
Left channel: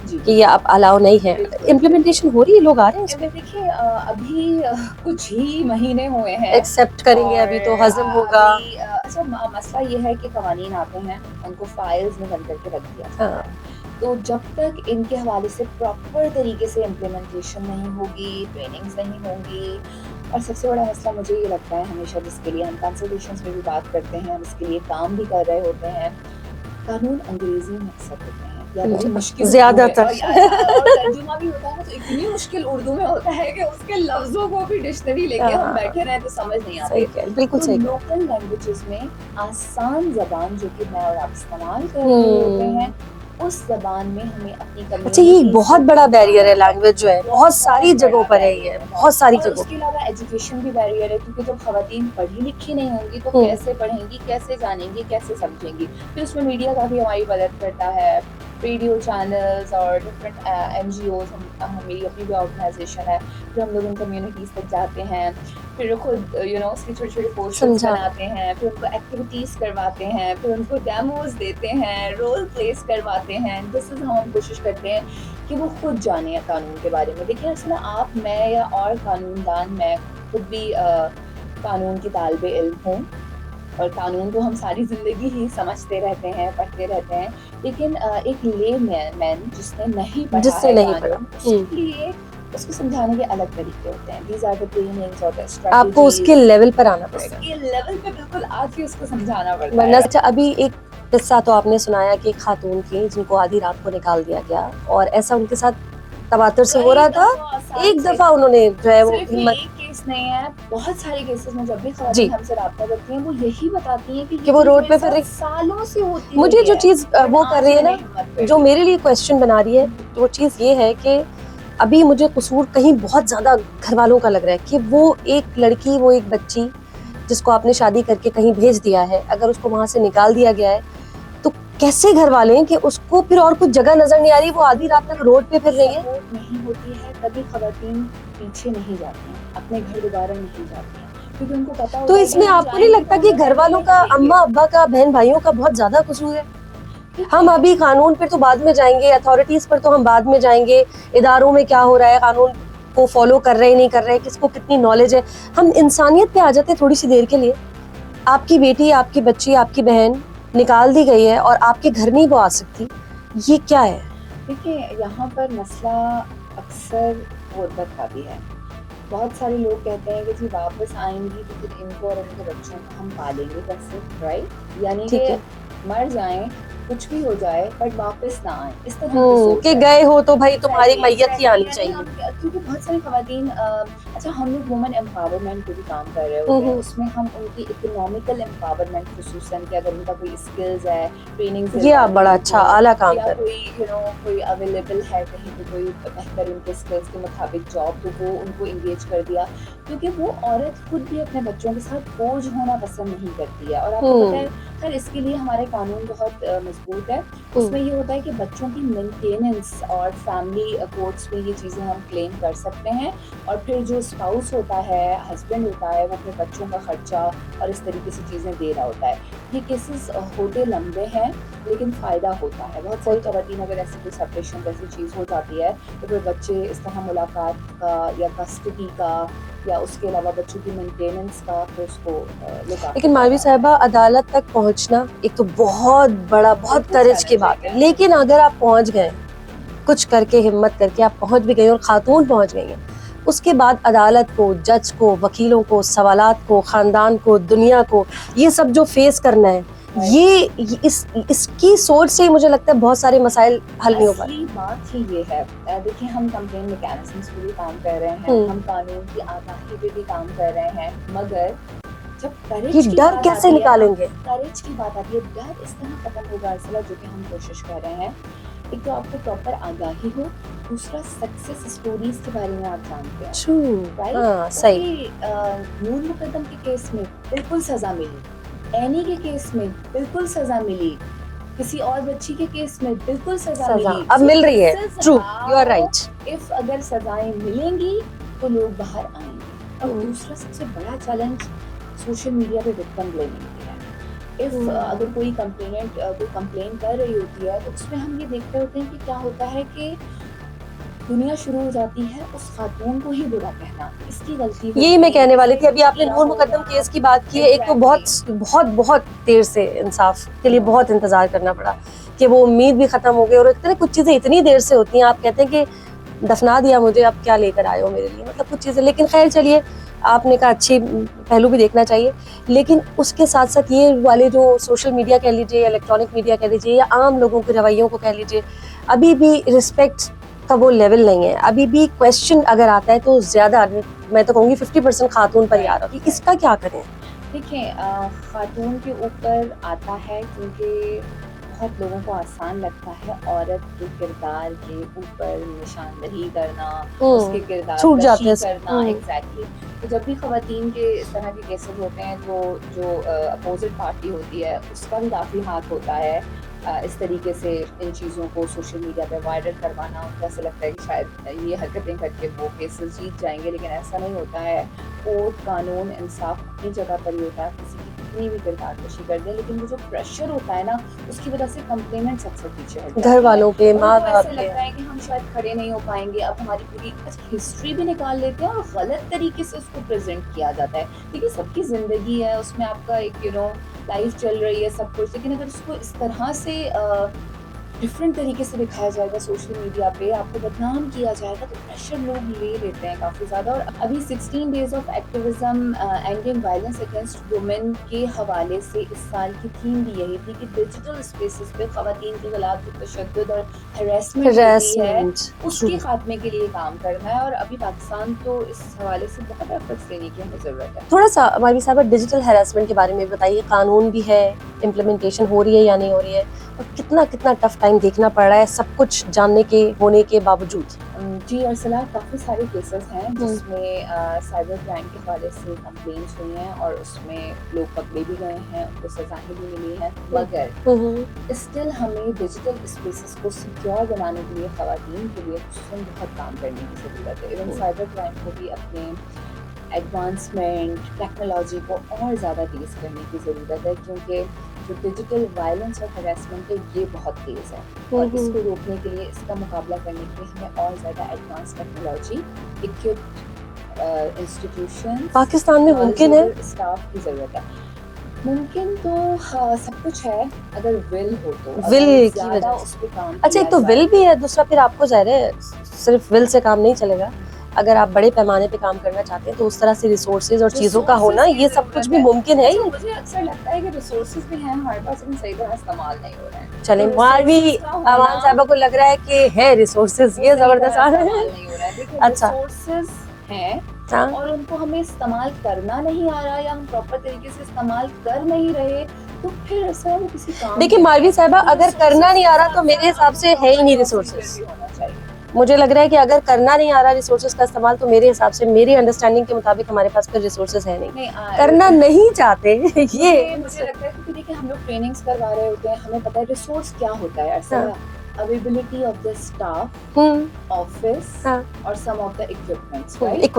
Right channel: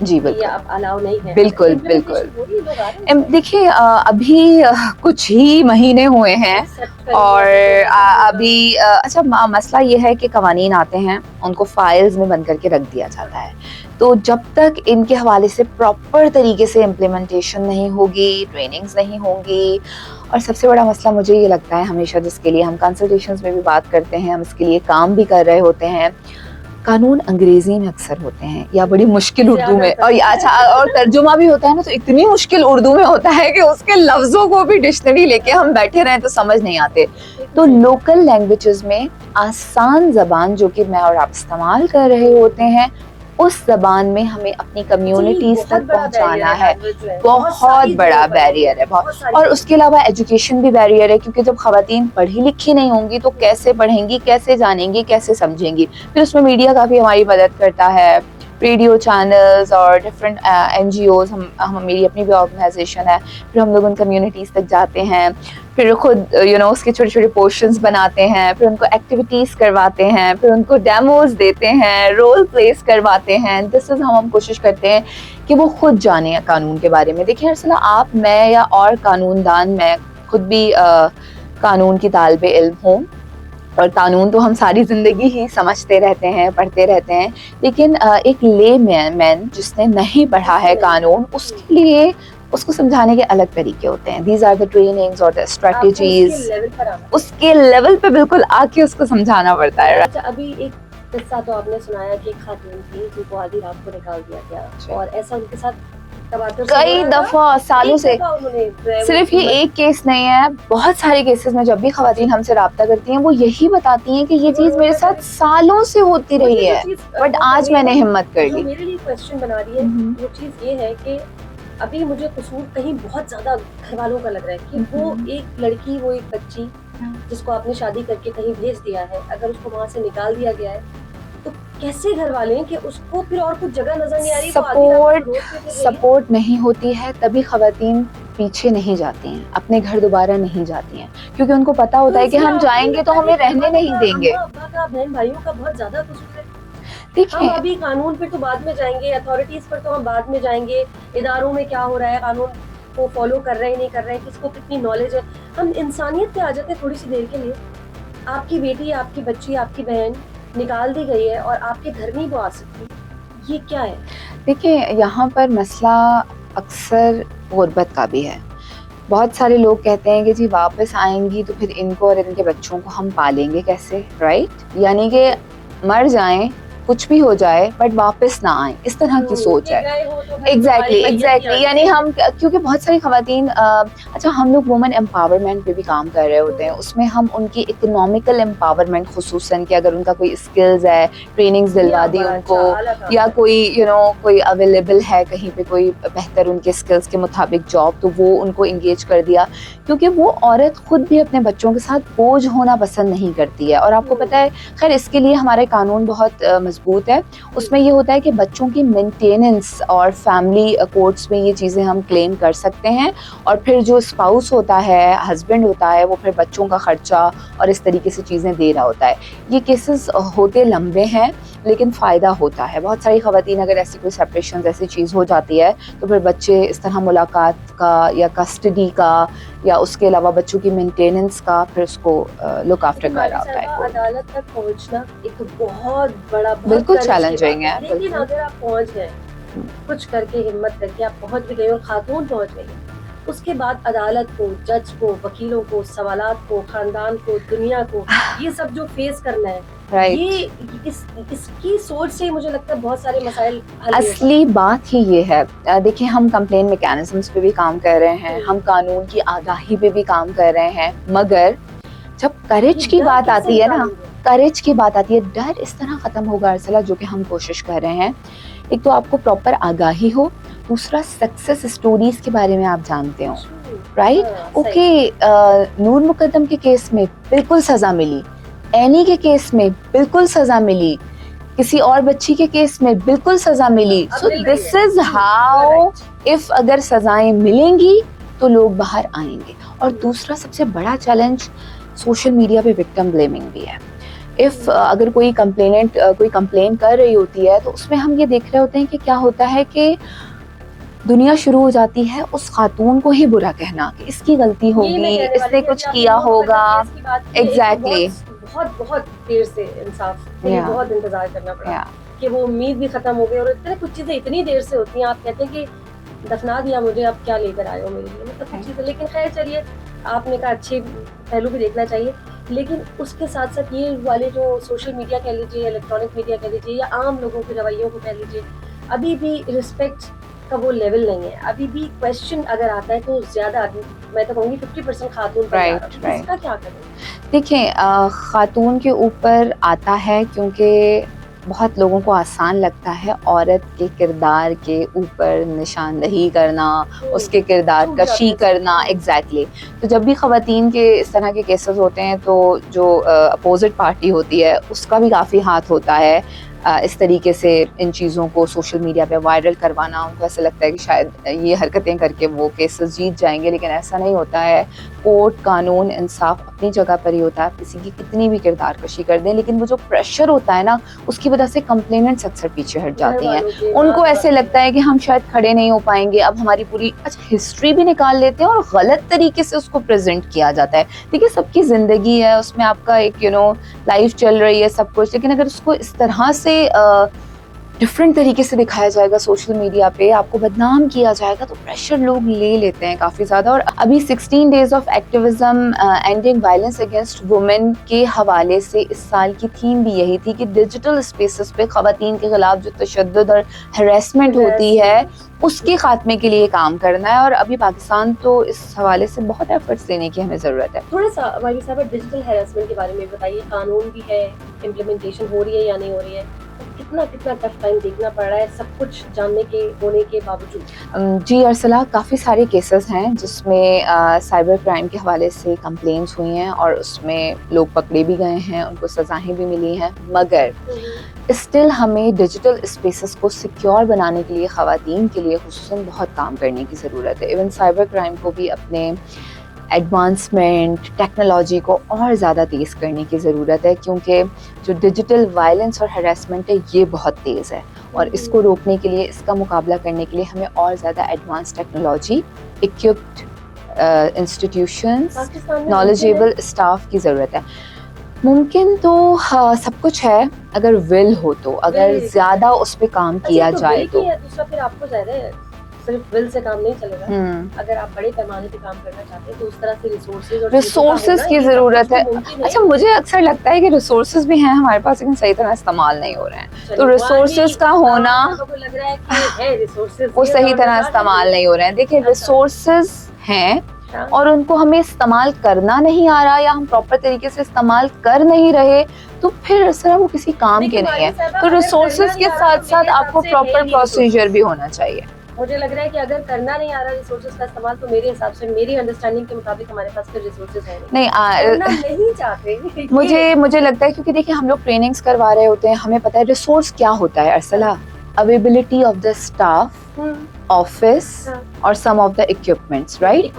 جی کہ یہ اب الاؤ نہیں ہے. بالکل امپلیمنٹیشن ہو رہی ہے, لوگ آ رہے ہیں دیکھیے ابھی کچھ ہی مہینے ہوئے ہیں ایکسیپٹ کریں گے اور ابھی تو ہضم ہوگا. ابھی اچھا مسئلہ یہ ہے کہ قوانین آتے ہیں ان کو فائلز میں بند کر کے رکھ دیا جاتا ہے, تو جب تک ان کے حوالے سے پراپر طریقے سے امپلیمنٹیشن نہیں ہوگی, ٹریننگز نہیں ہوں گی, اور سب سے بڑا مسئلہ مجھے یہ لگتا ہے ہمیشہ جس کے لیے ہم کنسلٹیشنز میں بھی بات کرتے ہیں, ہم اس کے لیے کام بھی کر رہے ہوتے ہیں, قانون انگریزی میں اکثر ہوتے ہیں یا بڑی مشکل اردو میں, اور اچھا اور ترجمہ بھی ہوتا ہے نا تو اتنی مشکل اردو میں ہوتا ہے کہ اس کے لفظوں کو بھی ڈکشنری لے کے ہم بیٹھے رہیں تو سمجھ نہیں آتے. تو لوکل لینگویجز میں آسان زبان جو کہ میں اور آپ استعمال کر رہے ہوتے ہیں اس زبان میں ہمیں اپنی کمیونٹی بہت بڑا بیریئر ہے لینگویج جو ہے, بہت بڑا بیریئر ہے, بہت ساری. اور اس کے علاوہ ایجوکیشن بھی بیریئر ہے کیونکہ جب خواتین پڑھی لکھی نہیں ہوں گی تو کیسے پڑھیں گی, کیسے جانیں گی, کیسے سمجھیں گی. پھر اس میں میڈیا کافی ہماری مدد کرتا ہے, ریڈیو چینلز اور ڈفرینٹ این جی اوز, میری اپنی بھی آرگنائزیشن ہے, پھر ہم لوگ ان کمیونٹیز تک جاتے ہیں, پھر خود اس کے چھوٹے چھوٹے پورشنز بناتے ہیں, پھر ان کو ایکٹیویٹیز کرواتے ہیں, پھر ان کو ڈیموز دیتے ہیں, رول پلیس کرواتے ہیں. دس از ہم کوشش کرتے ہیں کہ وہ خود جانیں قانون کے بارے میں. دیکھیں ارسلہ, آپ, میں یا اور قانون دان, میں خود بھی قانون کی طالب علم ہوں, اور قانون تو ہم ساری زندگی ہی سمجھتے رہتے ہیں, پڑھتے رہتے ہیں, لیکن ایک لے مین جس نے نہیں پڑھا ہے قانون, اس کے لیے اس کو سمجھانے کے الگ طریقے ہوتے ہیں. دیز آر دا ٹریننگز اور دا اسٹریٹجیز, آپ کو اس کے لیول پر آنا, اس کے لیول پہ بالکل آ کے اس کو سمجھانا پڑتا ہے. ابھی ایک قصہ تو آپ نے سنایا کہ ایک خاتون کی جن کو آدھی رات کو نکال دیا گیا, اور ایسا ان کے ساتھ تواتر سے ہو رہا تھا, کئی دفعہ سالوں سے. انہوں نے صرف یہ ایک کیس نہیں ہے, بہت سارے کیسز میں جب بھی خواتین ہم سے رابطہ کرتی ہیں وہ یہی بتاتی ہیں کہ یہ چیز میرے ساتھ سالوں سے ہوتی رہی ہے, جو چیز بٹ آج میں نے ہمت کر لی. جو میرے لیے کوسچن بنا رہی ہے وہ چیز یہ ہے کہ ابھی مجھے قصور کہیں بہت زیادہ گھر والوں کا لگ رہا ہے کہ وہ ایک لڑکی, وہ ایک بچی جس کو آپ نے شادی کر کے کہیں بھیج دیا ہے, اگر اس کو وہاں سے نکال دیا گیا ہے تو کیسے گھر والے ہیں کہ اس کو پھر اور کچھ جگہ نظر نہیں آ رہی, وہ آدھی رات کو روڈ پہ پھر رہی ہے. سپورٹ نہیں ہوتی ہے تبھی خواتین پیچھے نہیں جاتی ہیں, اپنے گھر دوبارہ نہیں جاتی ہیں, کیونکہ ان کو پتا ہوتا ہے کہ ہم جائیں گے تو ہمیں رہنے نہیں دیں گے. اماں ابا کا, بہن بھائیوں کا بہت زیادہ قصور ہے. ہم ابھی قانون پہ تو بعد میں جائیں گے, اتھارٹیز پر تو ہم بعد میں جائیں گے, اداروں میں کیا ہو رہا ہے, قانون کو فالو کر رہے نہیں کر رہے, کس کو کتنی نالج ہے. ہم انسانیت پہ آ جاتے تھوڑی سی دیر کے لیے. آپ کی بیٹی, آپ کی بچی, آپ کی بہن نکال دی گئی ہے اور آپ کے گھر نہیں وہ آ سکتی, یہ کیا ہے؟ دیکھیں یہاں پر مسئلہ اکثر غربت کا بھی ہے. بہت سارے لوگ کہتے ہیں کہ جی واپس آئیں گی تو پھر ان کو اور ان کے بچوں کو ہم پالیں گے کیسے, رائٹ, یعنی کہ مر جائیں, کچھ بھی ہو جائے, بٹ واپس نہ آئیں, اس طرح کی سوچ ہے. گئے ہو تو بھائی تمہاری میت ہی آنی, یعنی ہم, کیونکہ بہت ساری خواتین, اچھا ہم لوگ وومن امپاورمنٹ پہ بھی کام کر رہے ہوتے ہیں, اس میں ہم ان کی اکنامیکل امپاورمنٹ, خصوصاً کہ اگر ان کا کوئی اسکلز ہے, ٹریننگز دلوا دی ان کو, یا کوئی کوئی اویلیبل ہے کہیں پہ کوئی بہتر ان کے اسکلز کے مطابق جاب, تو وہ ان کو انگیج کر دیا, کیونکہ وہ عورت خود بھی اپنے بچوں کے ساتھ بوجھ ہونا پسند نہیں کرتی ہے. اور آپ کو پتہ ہے, خیر اس کے لیے ہمارے قانون بہت مضبوط ہے. اس میں یہ ہوتا ہے کہ بچوں کی مینٹیننس اور فیملی کورٹس میں یہ چیزیں ہم کلیم کر سکتے ہیں, اور پھر جو اسپاؤس ہوتا ہے, ہسبینڈ ہوتا ہے, وہ پھر بچوں کا خرچہ اور اس طریقے سے چیزیں دے رہا ہوتا ہے. یہ کیسز ہوتے لمبے ہیں لیکن فائدہ ہوتا ہے. بہت ساری خواتین اگر ایسی کوئی سیپریشن ایسی چیز ہو جاتی ہے تو پھر بچے اس طرح ملاقات کا یا کسٹڈی کا یا اس کے علاوہ بچوں کی مینٹیننس کا پھر اس کو لک آفٹر. لیکن مالوی صاحبہ عدالت تک پہنچنا ایک تو بہت بڑا, بہت کریج کی بات ہے, لیکن اگر آپ پہنچ گئے, کچھ کر کے, ہمت کر کے آپ پہنچ بھی گئے اور خاتون پہنچ گئی ہیں, اس کے بعد عدالت کو, جج کو, وکیلوں کو, سوالات کو, خاندان کو, دنیا کو, یہ سب جو فیس کرنا ہے, یہ اس کی سوچ سے ہی مجھے لگتا ہے بہت سارے مسائل حل نہیں ہو پاتے. اصلی بات ہی یہ ہے, دیکھیں ہم کمپلین میکینزمس پہ بھی کام کر رہے ہیں, ہم قانون کی آگاہی پہ بھی کام کر رہے ہیں, مگر جب کریج کی بات آتی ہے نا, کریج کی بات آتی ہے, ڈر اس طرح ختم ہوگا ارسلہ, جو کہ ہم کوشش کر رہے ہیں. ایک تو آپ کو پراپر آگاہی ہو, دوسرا سکسیس اسٹوریز کے بارے میں آپ جانتے ہو, رائٹ. اوکے, نور مقدم کے کیس میں بالکل سزا ملی, اینی کے کیس میں بالکل سزا ملی, کسی اور بچی کے کیس میں بالکل سزا ملی, اب مل رہی ہے. اف اگر سزائیں ملیں گی تو لوگ باہر آئیں گے. اور دوسرا سب سے بڑا چیلنج سوشل میڈیا پہ وکٹم بلیمنگ بھی ہے. اف اگر کوئی کمپلین کر رہی ہوتی ہے تو اس میں ہم یہ دیکھ رہے ہوتے ہیں کہ کیا ہوتا ہے کہ دنیا شروع ہو جاتی ہے اس خاتون کو ہی برا کہنا کہ اس کی غلطی ہوگی, یہی میں کہنے والی تھی. ابھی کچھ آپ نے کیا نور مقدم ہوگا. کیس کی بات کی ہے, ایک تو Exactly. بہت بہت دیر سے انصاف کے لیے Yeah. بہت انتظار کرنا پڑا Yeah. کہ وہ امید بھی ختم ہو گئی, اور اتنے کچھ چیزیں اتنی دیر سے ہوتی ہیں, آپ کہتے ہیں کہ دفنا دیا مجھے, اب کیا لے کر آئے ہو میرے لیے, مطلب کچھ چیزیں. لیکن خیر چلیے, آپ نے کہا اچھی پہلو بھی دیکھنا چاہیے, لیکن اس کے ساتھ ساتھ یہ والے جو سوشل میڈیا کہہ لیجیے, الیکٹرانک میڈیا کہہ لیجیے, یا عام لوگوں کے رویوں کو کہہ لیجیے, ابھی بھی رسپیکٹ کا وہ لیول نہیں ہے. ابھی بھی کویسچن اگر آتا ہے تو زیادہ, میں تو کہوں گی 50% خاتون پر ہی آ رہا ہے. اس کا کیا کریں؟ دیکھیں, خاتون کے اوپر آتا ہے کیونکہ بہت لوگوں کو آسان لگتا ہے عورت کے کردار کے اوپر نشاندہی کرنا, اس کے کردار کشی کرنا. ایگزیکٹلی. تو جب بھی خواتین کے اس طرح کے کیسز ہوتے ہیں تو جو اپوزٹ پارٹی ہوتی ہے اس کا بھی کافی ہاتھ ہوتا ہے اس طریقے سے ان چیزوں کو سوشل میڈیا پہ وائرل کروانا. ان کو ایسا لگتا ہے کہ شاید یہ حرکتیں کر کے وہ کیسز جیت جائیں گے, لیکن ایسا نہیں ہوتا ہے. کورٹ, قانون, انصاف اپنی جگہ پر ہی ہوتا ہے, کسی کی کتنی بھی کردار کشی کر دیں, لیکن وہ جو پریشر ہوتا ہے نا اس کی وجہ سے کمپلیننٹس اکثر پیچھے ہٹ جاتی ہیں. ان کو ایسے لگتا ہے کہ ہم شاید کھڑے نہیں ہو پائیں گے, اب ہماری پوری ہسٹری بھی نکال لیتے ہیں اور غلط طریقے سے اس کو پریزنٹ کیا جاتا ہے. دیکھیے سب کی زندگی ہے, اس میں آپ کا ایک لائف چل رہی ہے سب کچھ, لیکن اگر اس کو اس طرح سے ڈفرینٹ طریقے سے دکھایا جائے گا سوشل میڈیا پہ, آپ کو بدنام کیا جائے گا, تو پریشر لوگ لے لیتے ہیں کافی زیادہ. اور ابھی 16 days of activism ending violence against women کے حوالے سے اس سال کی تھیم بھی یہی تھی کہ ڈیجیٹل اسپیسز پہ خواتین کے خلاف جو تشدد اور ہراسمنٹ ہوتی ہے اس کے خاتمے کے لیے کام کرنا ہے. اور ابھی پاکستان تو اس حوالے سے بہت ایفرٹس دینے کی ہمیں ضرورت ہے. تھوڑا سا ہماری صاحبہ ڈیجیٹل ہراسمنٹ کے بارے میں بتائیے, قانون بھی ہے, امپلیمنٹیشن ہو رہی ہے یا نہیں ہو رہی ہے, کتنا ٹف ٹائم دیکھنا پڑ رہا ہے سب کچھ جاننے کے ہونے کے باوجود؟ جی ارسلہ, کافی سارے کیسز ہیں جس میں سائبر کرائم کے حوالے سے کمپلینٹس ہوئی ہیں اور اس میں لوگ پکڑے بھی گئے ہیں, ان کو سزائیں بھی ملی ہیں. مگر اسٹل ہمیں ڈیجیٹل اسپیسز کو سیکیور بنانے کے لیے خواتین کے لیے خصوصاً بہت کام کرنے کی ضرورت ہے. ایون سائبر کرائم کو بھی اپنے ایڈوانسمنٹ, ٹیکنالوجی کو اور زیادہ تیز کرنے کی ضرورت ہے, کیونکہ جو ڈیجیٹل وائلنس اور ہراسمنٹ ہے یہ بہت تیز ہے, اور اس کو روکنے کے لیے, اس کا مقابلہ کرنے کے لیے ہمیں اور زیادہ advance technology, equipped institutions, Pakistan میں نالجیبل اسٹاف کی ضرورت ہے. ممکن تو سب کچھ ہے اگر ول ہو تو, اگر زیادہ اس پہ کام کیا جائے. ول بھی ہے, دوسرا پھر آپ کو ظاہر ہے صرف ول سے کام نہیں چلے گا. اگر آپ بڑے پیمانے پہ کام کرنا چاہتے ہیں تو اس طرح سے ریسورسز اور چیزوں کا ہونا کی ضرورت ہے. ممکن ہے. اچھا, مجھے اکثر لگتا ہے کہ ریسورسز بھی ہیں ہمارے پاس لیکن صحیح طرح استعمال نہیں ہو رہے ہیں. تو ریسورسز کا ہونا, صاحبہ کو لگ رہا ہے کہ ہے ریسورسز, وہ صحیح طرح استعمال نہیں ہو رہے ہیں. دیکھیں ریسورسز ہیں اور ان کو ہمیں استعمال کرنا نہیں آ رہا, یا ہم پراپر طریقے سے استعمال کر نہیں رہے, تو پھر اس طرح وہ کسی کام کے نہیں ہے. تو کرنا نہیں آ رہا تو میرے حساب سے پراپر پروسیجر بھی ہونا چاہیے. مجھے لگ رہا ہے کہ اگر کرنا نہیں آ رہا ریسورسز کا استعمال, تو میرے حساب سے, میری انڈرسٹینڈنگ کے مطابق ہمارے پاس پھر ریسورسز ہے نہیں, کرنا نہیں چاہتے. مجھے لگتا ہے کیونکہ دیکھیں ہم لوگ ٹریننگز کروا رہے ہوتے ہیں, ہمیں پتہ ہے ریسورس کیا ہوتا ہے ارسلہ. Availability of the staff, office اور some of the equipments, right.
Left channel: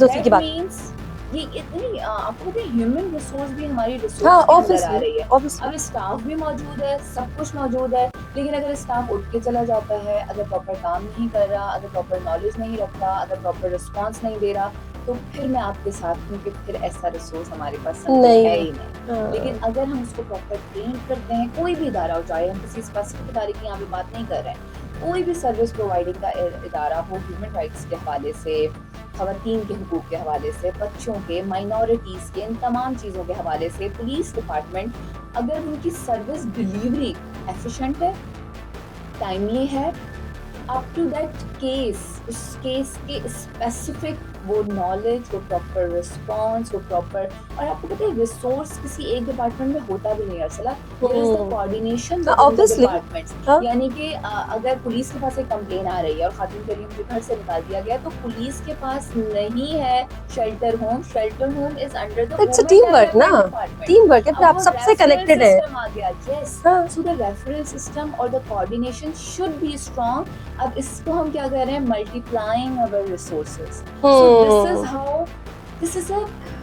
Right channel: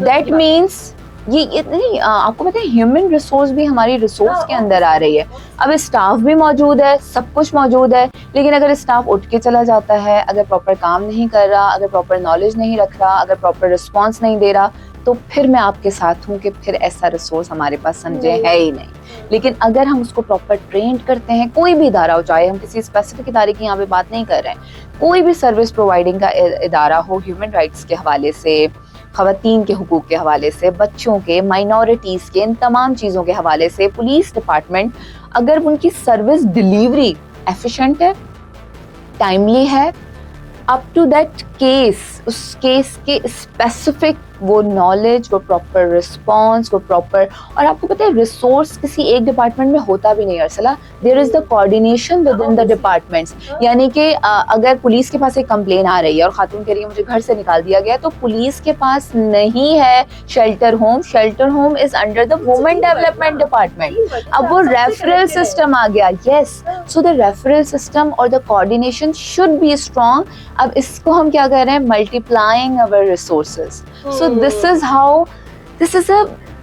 That means یہ نہیں, آپ کو پتہ ہے ہیومن ریسورس بھی ہماری ریسورس کے اندر آ رہی ہے. اب اسٹاف بھی موجود ہے, سب کچھ موجود ہے, لیکن اگر اسٹاف اٹھ کے چلا جاتا ہے, اگر پراپر کام نہیں کر رہا, اگر پراپر نالج نہیں رکھ رہا, اگر پراپر رسپانس نہیں دے رہا, تو پھر میں آپ کے ساتھ ہوں کہ پھر ایسا ریسورس ہمارے پاس سمجھے ہے ہی نہیں. لیکن اگر ہم اس کو پراپر ٹرینڈ کرتے ہیں, کوئی بھی ادارہ ہو, چاہے ہم کسی اسپیسیفک ادارے کی یہاں پہ بات نہیں کر رہے ہیں, کوئی بھی سروس پرووائڈنگ کا ادارہ ہو, ہیومن رائٹس کے حوالے سے, خواتین کے حقوق کے حوالے سے, بچوں کے, مائنورٹیز کے, ان تمام چیزوں کے حوالے سے, پولیس ڈپارٹمنٹ, اگر ان کی سروس ڈیلیوری ایفیشینٹ ہے, ٹائملی ہے, اپ ٹو دیٹ کیس, اس کیس کے اسپیسیفک وہ نالج, وہ پراپر رسپانس, وہ پراپر, اور آپ کو پتہ ہے ریسورس کسی ایک ڈپارٹمنٹ میں ہوتا بھی نہیں ارسلہ. There is the coordination within the departments. یعنی کہ اگر پولیس کے پاس ایک کمپلین آ رہی ہے اور خاتون کہہ رہی ہے مجھے گھر سے نکال دیا گیا, تو پلیس کے پاس نہیں ہے shelter home. Shelter home is under the woman development department. اب وہ ریفرل سسٹم آ گیا. یس, سو دا ریفرل سسٹم اور دا کوآرڈینیشن شوڈ بی اسٹرانگ. اب اس کو ہم کیا کر رہے ہیں, multi plying our resources. So this is a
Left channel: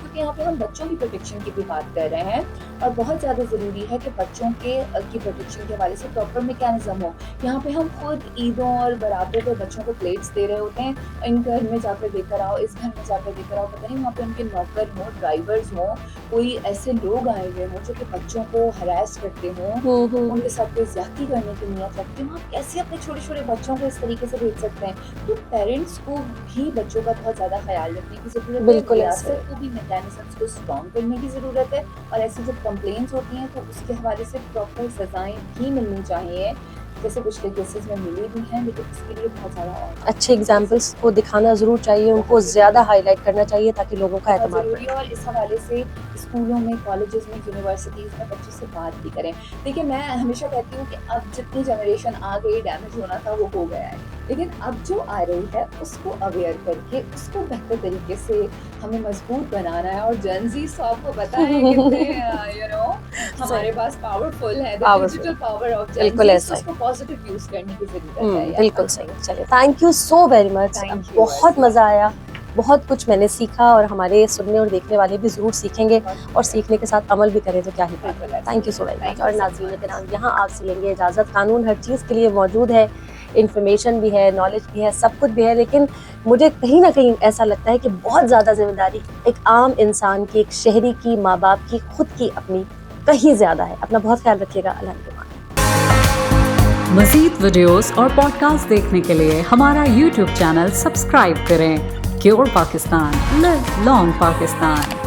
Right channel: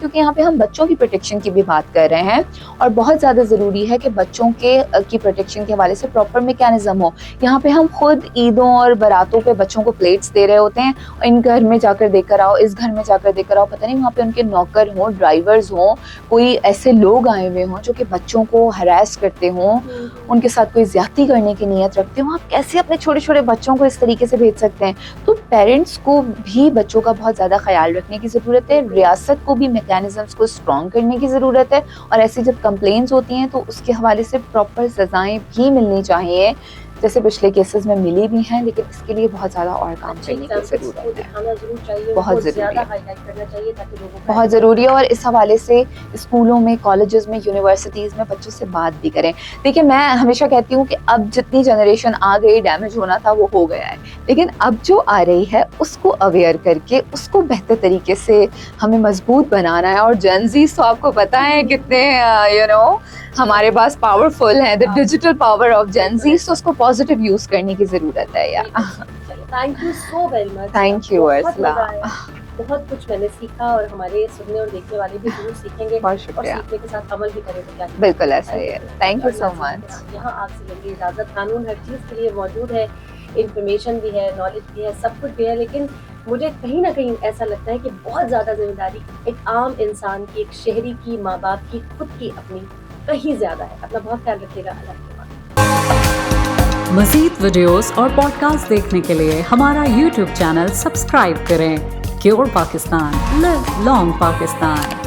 کیونکہ یہاں پہ ہم بچوں کی پروٹیکشن کی بھی بات کر رہے ہیں, اور بہت زیادہ ضروری ہے کہ بچوں کی پروٹیکشن کے حوالے سے پراپر میکینزم ہو. یہاں پہ ہم خود عیدوں اور براتوں پہ بچوں کو پلیٹس دے رہے ہوتے ہیں, ان گھر میں جا کر دے کر آؤ, اس گھر میں جا کر دے کر آؤ, پتہ نہیں وہاں پہ ان کے نوکر ہوں, ڈرائیورز ہوں, کوئی ایسے لوگ آئے ہوئے ہوں جو کہ بچوں کو ہراس کرتے ہوں, ان کے ساتھ کوئی زیادتی کرنے کی نیت رکھتے ہوں. آپ کیسے اپنے چھوٹے چھوٹے بچوں کو اس طریقے سے بھیج سکتے ہیں؟ تو پیرنٹس کو بھی بچوں کا بہت زیادہ خیال رکھنے کی ضرورت ہے. ریاست کو بھی میکینزمس کو اسٹرانگ کرنے کی ضرورت ہے, اور ایسی جب کمپلینٹس ہوتی ہیں تو اس کے حوالے سے پراپر سزائیں بھی ملنی چاہیے, جیسے پچھلے کیسز میں ملی بھی ہیں. لیکن اس کے لیے بہت زیادہ اور اچھے ایگزامپلس کو دکھانا ضرور چاہیے, ان کو زیادہ ہائی لائٹ کرنا چاہیے تاکہ لوگوں کا بہت ضروری ہے. اور اس حوالے سے اسکولوں میں, کالجز میں, یونیورسٹیز میں بچوں سے بات بھی کریں. دیکھیے میں ہمیشہ کہتی ہوں کہ اب جتنی جنریشن آ گئی, ڈیمیج ہونا تھا وہ ہو گیا ہے, لیکن اب جو آ رہی ہے اس کو اویئر کر کے اس کو بہتر طریقے سے ہمیں مضبوط بنانا ہے. اور جین زیز تو آپ کو پتہ ہے کتنے ہمارے پاس پاورفل ہے, دی ڈیجیٹل پاور آف جین زیز, تو اس کو پازیٹیو یوز کرنے کی ضرورت ہے. بالکل صحیح. چلیے, thank you so very much. Thank you, بہت مزہ آیا, بہت کچھ میں نے سیکھا, اور ہمارے سننے اور دیکھنے والے بھی ضرور سیکھیں گے, اور سیکھنے کے ساتھ عمل بھی کریں تو کیا ہی. بالکل, thank you so very thank you so much. یہاں آپ سے لیں گے اجازت. قانون ہر چیز کے لیے موجود ہے, انفارمیشن بھی ہے, نالج بھی ہے, سب کچھ بھی ہے, لیکن مجھے کہیں نہ کہیں ایسا لگتا ہے کہ بہت زیادہ ذمہ داری ایک عام انسان کی, ایک شہری کی, ماں باپ کی, خود کی, اپنی کہیں زیادہ ہے. اپنا بہت خیال رکھیے گا. اللہ حافظ. مزید ویڈیوز اور پوڈ کاسٹ دیکھنے کے لیے ہمارا یوٹیوب چینل سبسکرائب کریں. کیور پاکستان, لیو لانگ پاکستان.